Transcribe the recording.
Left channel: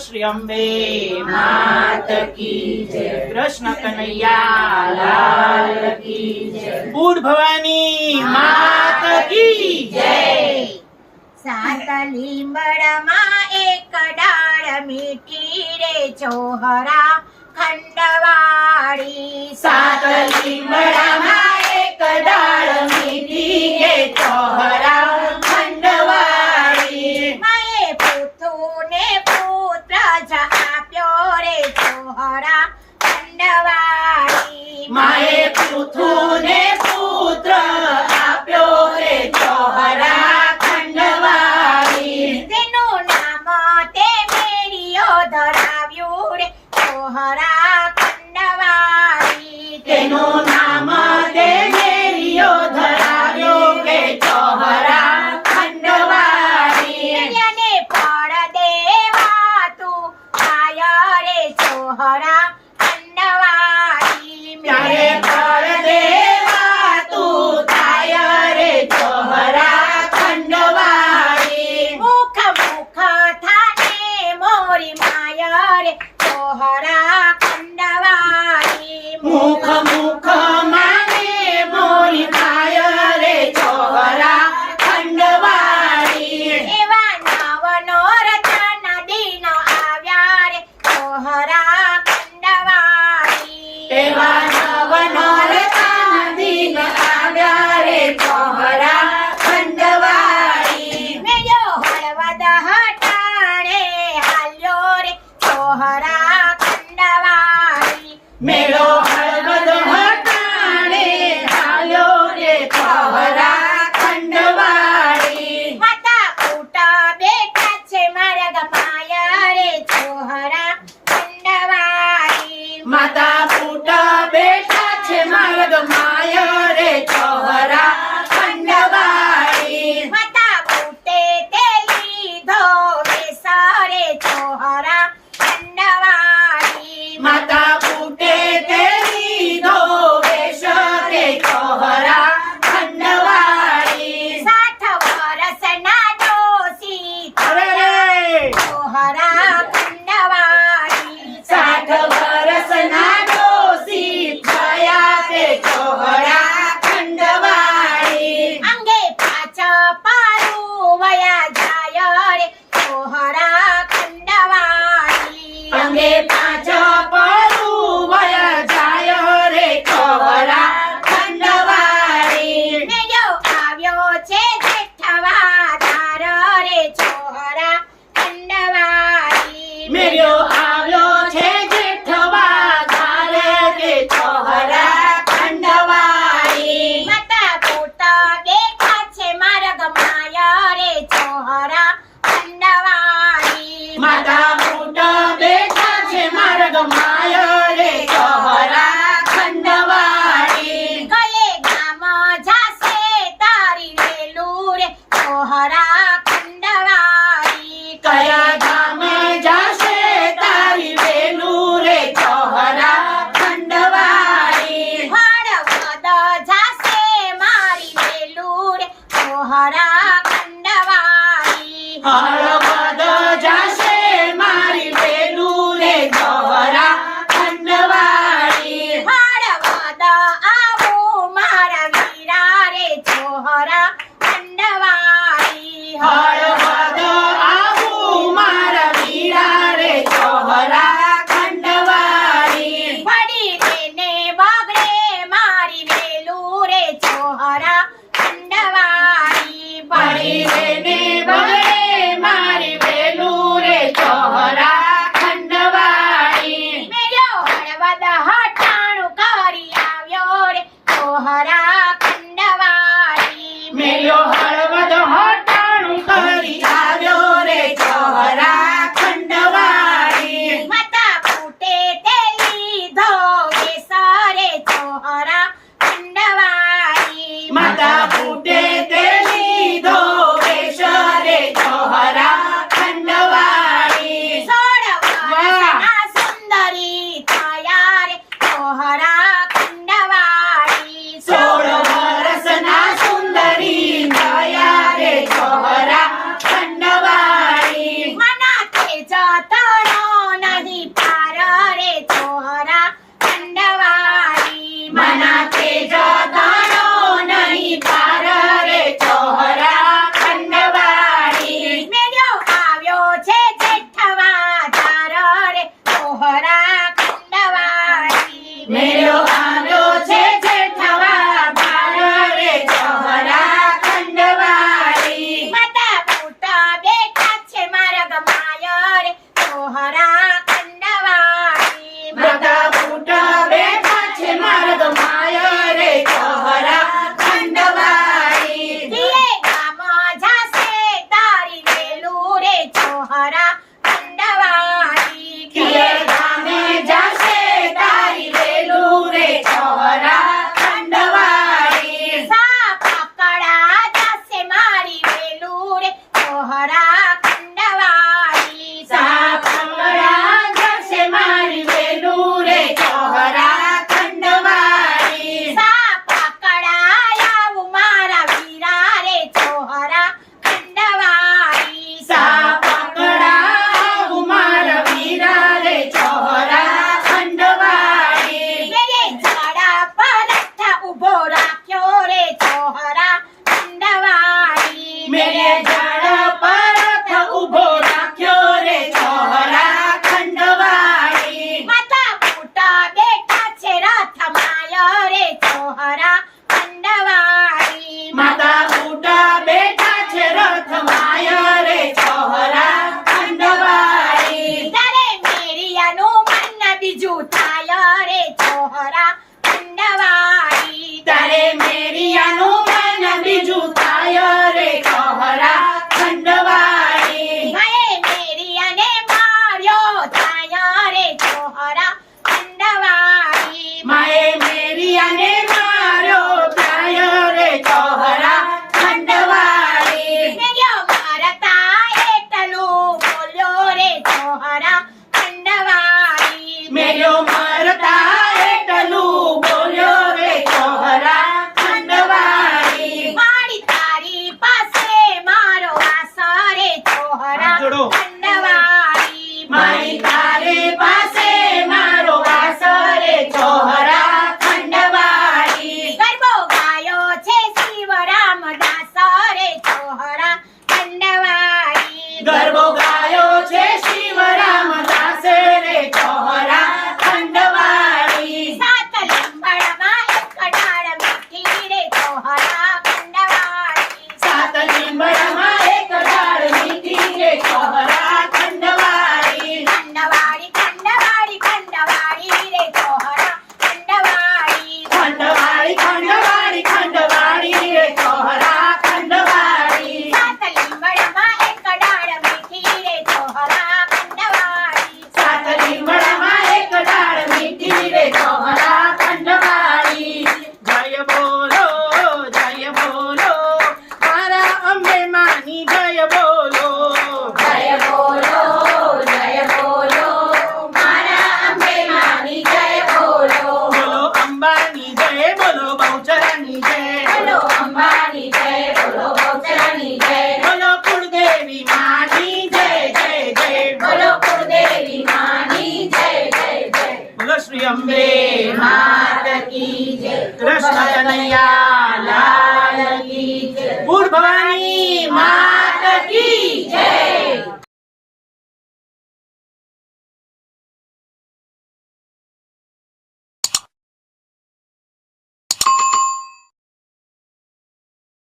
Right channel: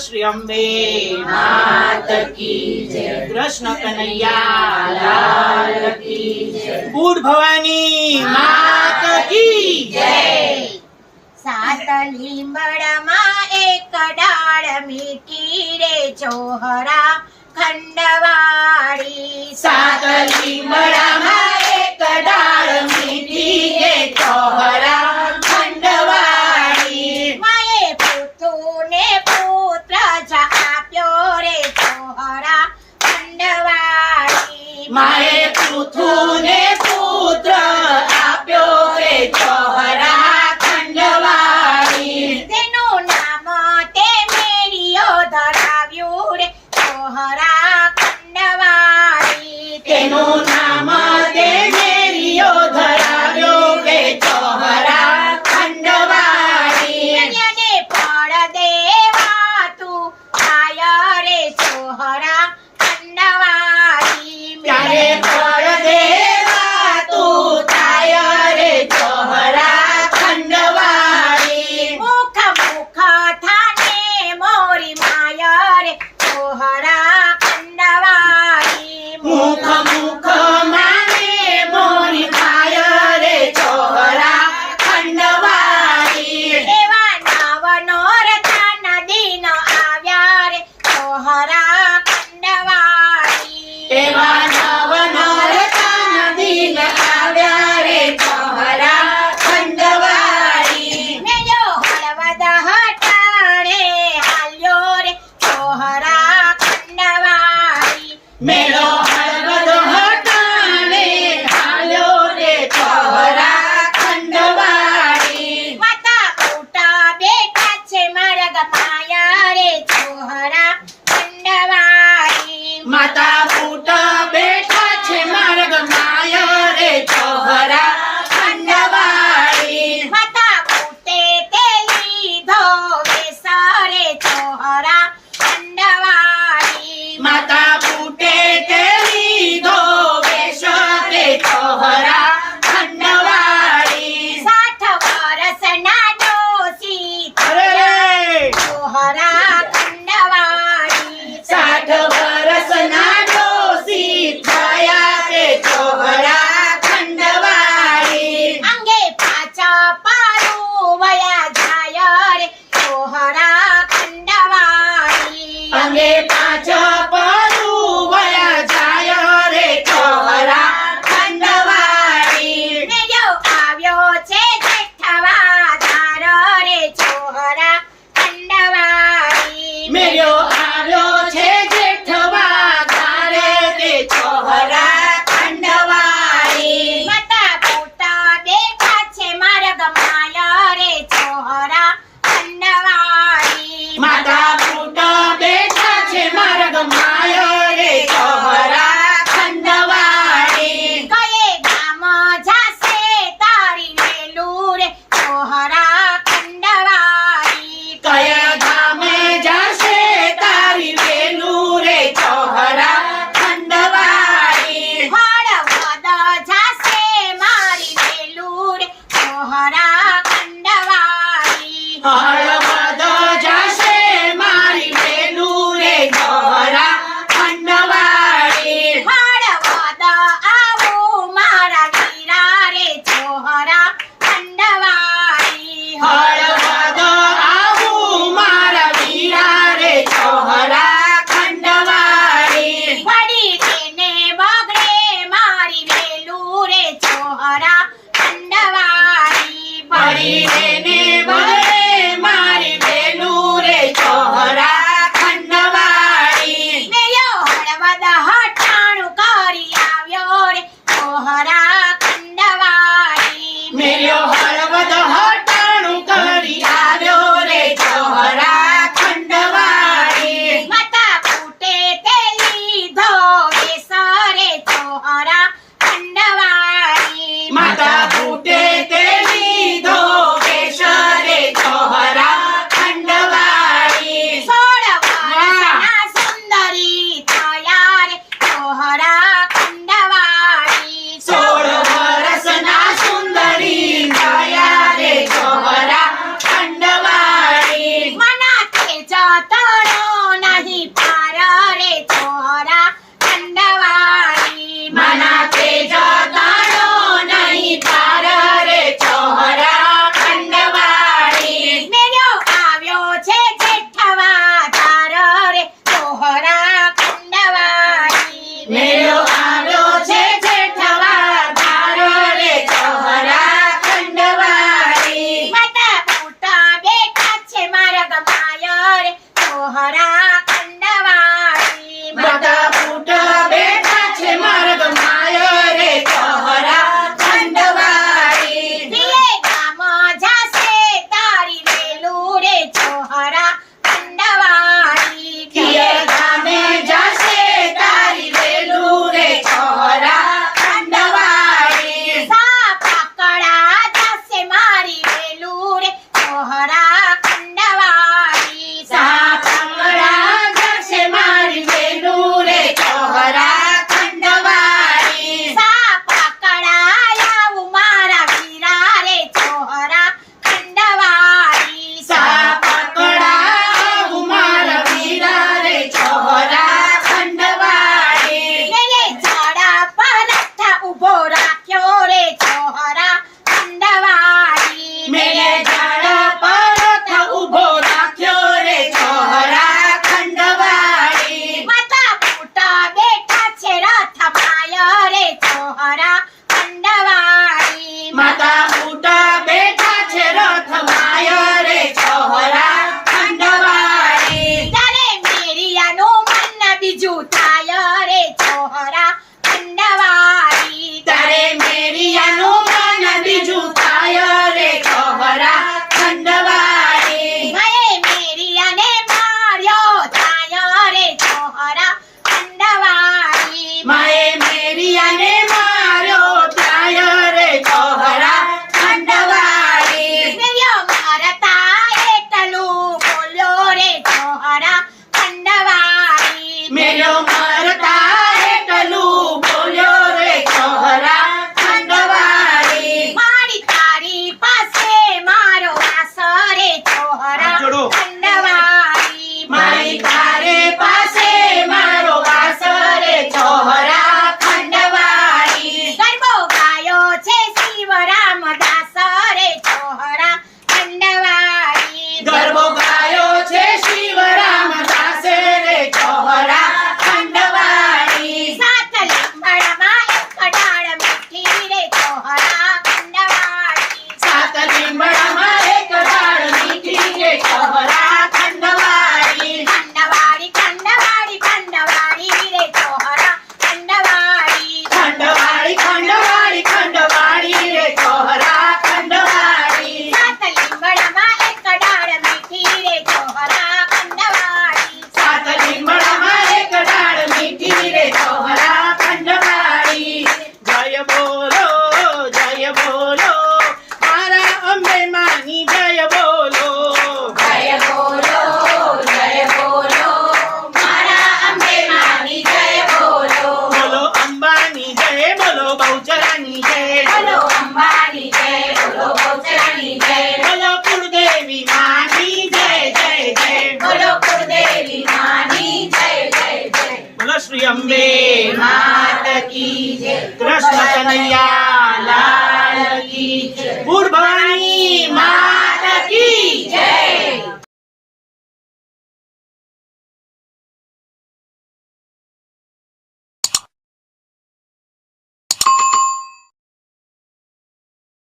શ્રી અંબે માત કી જય કૃષ્ણ કનૈયા લાલ ભવાની માત કી જય સાત એક ડાળ મીઠી રે ચોહરા ખંડવાળી સાત લીમડામાં Bahara হারা Mata dá por જય કૃષ્ણ કનૈયા.